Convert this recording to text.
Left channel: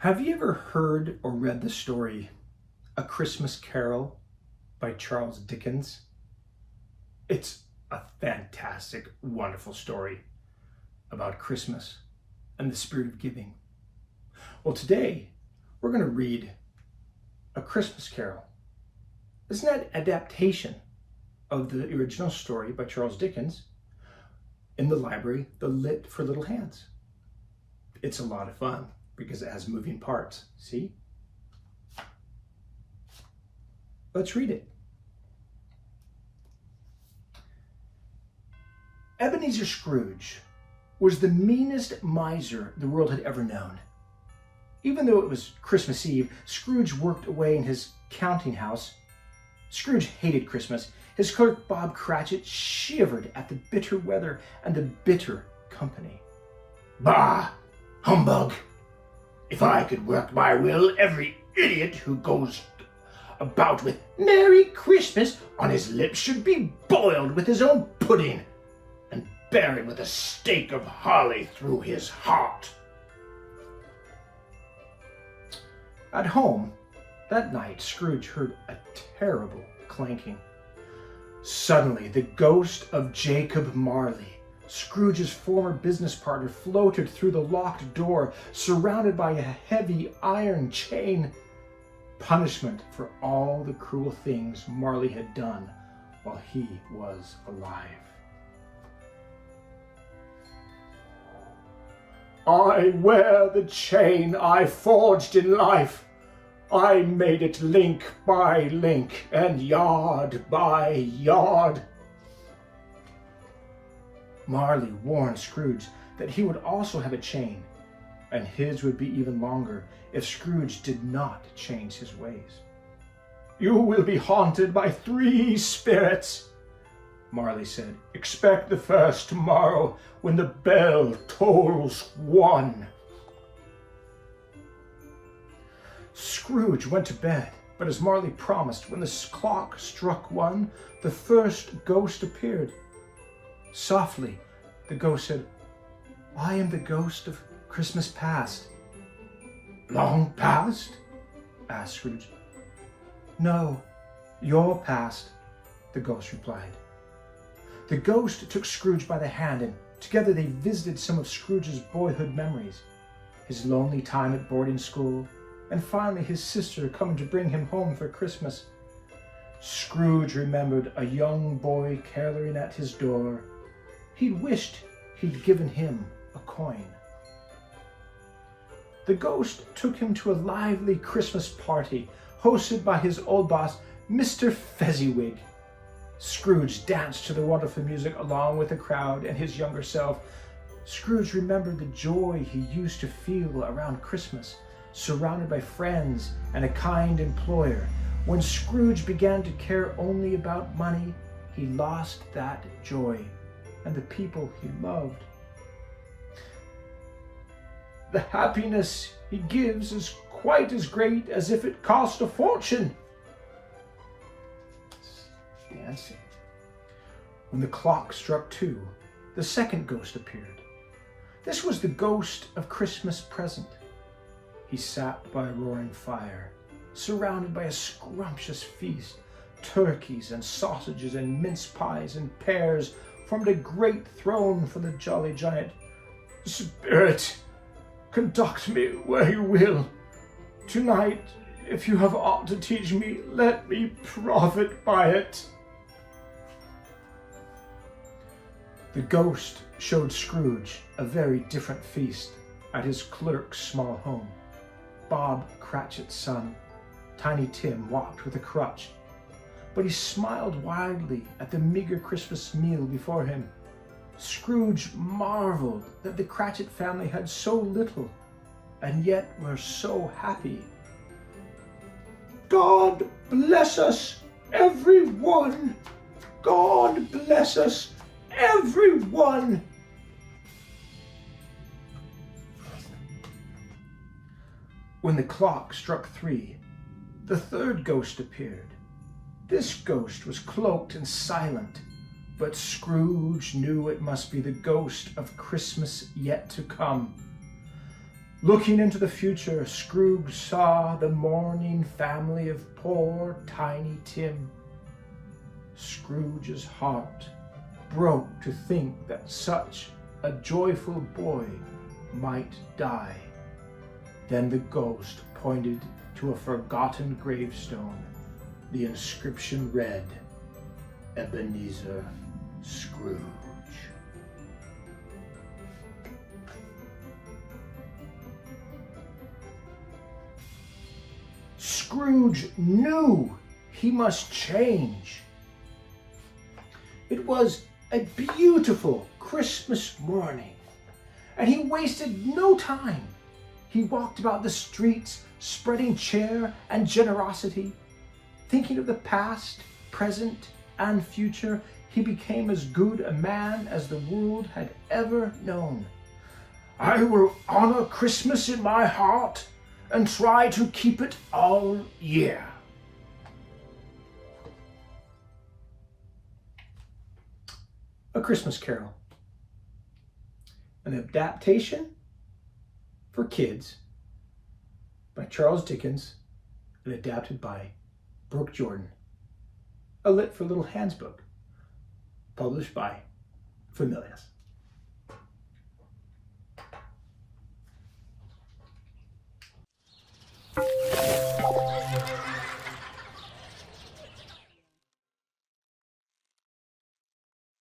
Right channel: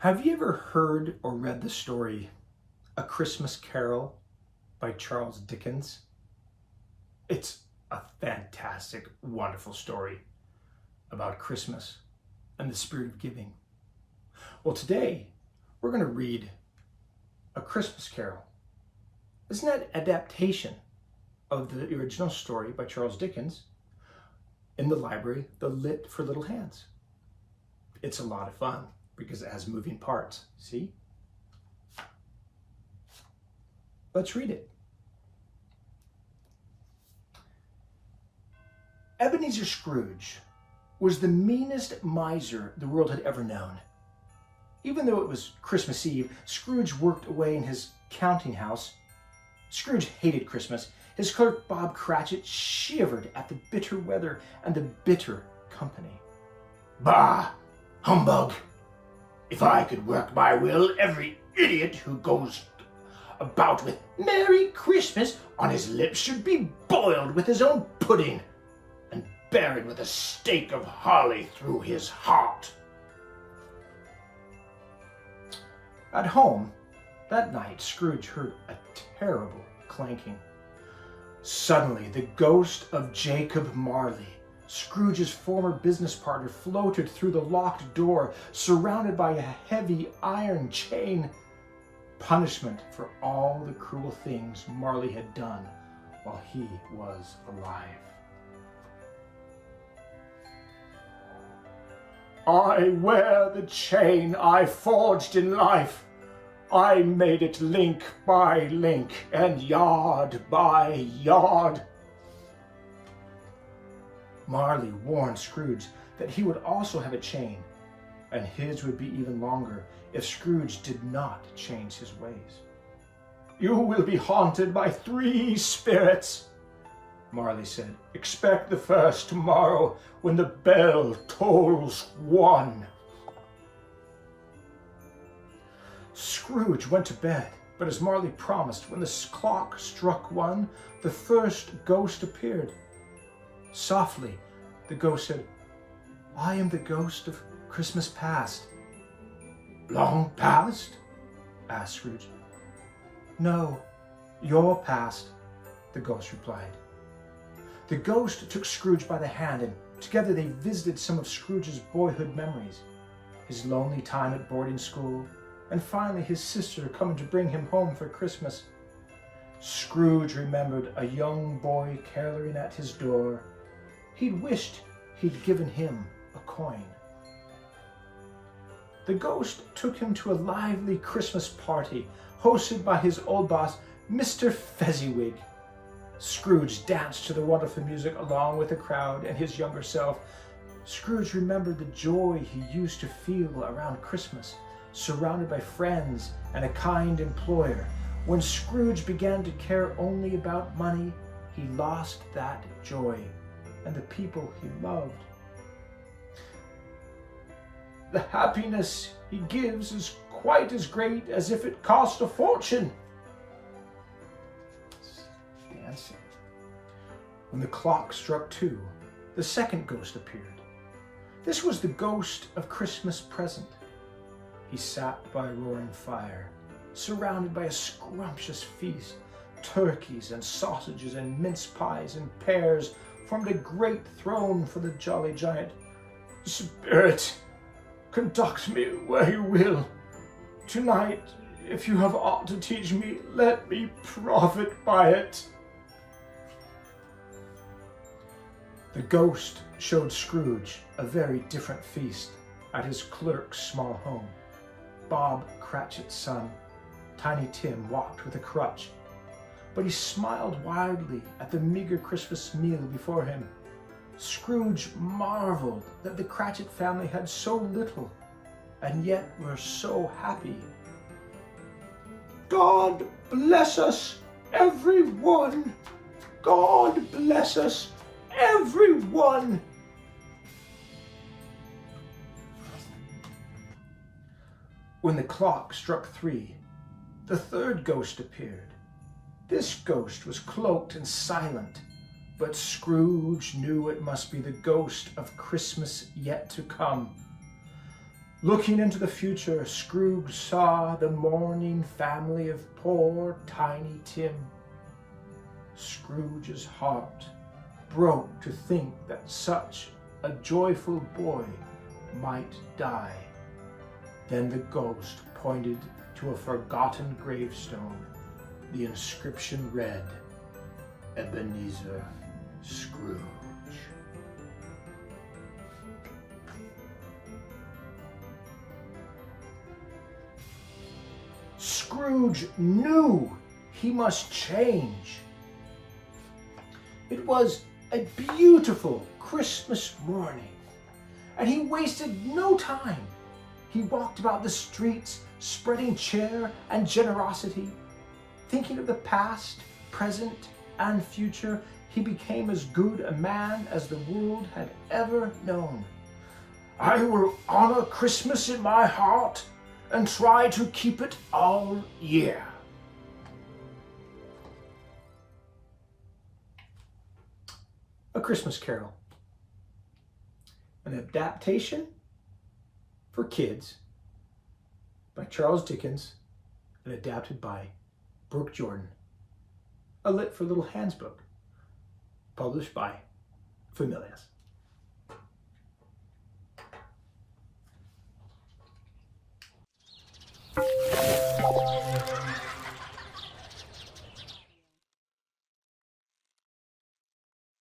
Have you ever heard or read the story A Christmas Carol by Charles Dickens? It's a fantastic, wonderful story about Christmas and the spirit of giving. Well, today we're going to read A Christmas Carol. It's an adaptation of the original story by Charles Dickens in the library, The Lit for Little Hands. It's a lot of fun because it has moving parts. See? Let's read it. Ebenezer Scrooge was the meanest miser the world had ever known. Even though it was Christmas Eve, Scrooge worked away in his counting house. Scrooge hated Christmas. His clerk, Bob Cratchits, shivered at the bitter weather and the bitter company. "Bah! Humbug! If I could work my will, every idiot who goes about with 'Merry Christmas' on his lips should be boiled with his own pudding and buried with a stake of holly through his heart." At home, that night, Scrooge heard a terrible clanking. Suddenly, the ghost of Jacob Marley, Scrooge's former business partner, floated through the locked door, surrounded by a heavy iron chain. Punishment for all the cruel things Marley had done while he was alive. "I wear the chain I forged in life. I made it link by link and yard by yard." Marley warned Scrooge that he would also have a chain, and his would be even longer if Scrooge did not change his ways. "You will be haunted by 3 spirits," Marley said. "Expect the first tomorrow when the bell tolls 1. Scrooge went to bed, but as Marley promised, when the clock struck 1, the first ghost appeared. Softly, the ghost said, "I am the ghost of Christmas past." "Long past?" asked Scrooge. "No, your past," the ghost replied. The ghost took Scrooge by the hand, and together they visited some of Scrooge's boyhood memories, his lonely time at boarding school, and finally his sister coming to bring him home for Christmas. Scrooge remembered a young boy caroling at his door. He'd wished he'd given him a coin. The ghost took him to a lively Christmas party hosted by his old boss, Mr. Fezziwig. Scrooge danced to the wonderful music along with the crowd and his younger self. Scrooge remembered the joy he used to feel around Christmas, surrounded by friends and a kind employer. When Scrooge began to care only about money, he lost that joy and the people he loved. "The happiness he gives is quite as great as if it cost a fortune." Dancing. When the clock struck 2, the second ghost appeared. This was the ghost of Christmas present. He sat by a roaring fire, surrounded by a scrumptious feast. Turkeys and sausages and mince pies and pears formed a great throne for the jolly giant. "Spirit, conduct me where you will. Tonight, if you have aught to teach me, let me profit by it." The ghost showed Scrooge a very different feast at his clerk's small home. Bob Cratchit's son, Tiny Tim, walked with a crutch, but he smiled widely at the meager Christmas meal before him. Scrooge marveled that the Cratchit family had so little and yet were so happy. "God bless us, everyone! God bless us, everyone!" When the clock struck 3, the third ghost appeared. This ghost was cloaked and silent, but Scrooge knew it must be the ghost of Christmas yet to come. Looking into the future, Scrooge saw the mourning family of poor Tiny Tim. Scrooge's heart broke to think that such a joyful boy might die. Then the ghost pointed to a forgotten gravestone. The inscription read, Ebenezer Scrooge. Scrooge knew he must change. It was a beautiful Christmas morning, and he wasted no time. He walked about the streets, spreading cheer and generosity. Thinking of the past, present, and future, he became as good a man as the world had ever known. I will honor Christmas in my heart and try to keep it all year. A Christmas Carol, an adaptation for kids by Charles Dickens and adapted by Brooke Jordan. A Lit for Little Hands book, published by Familias.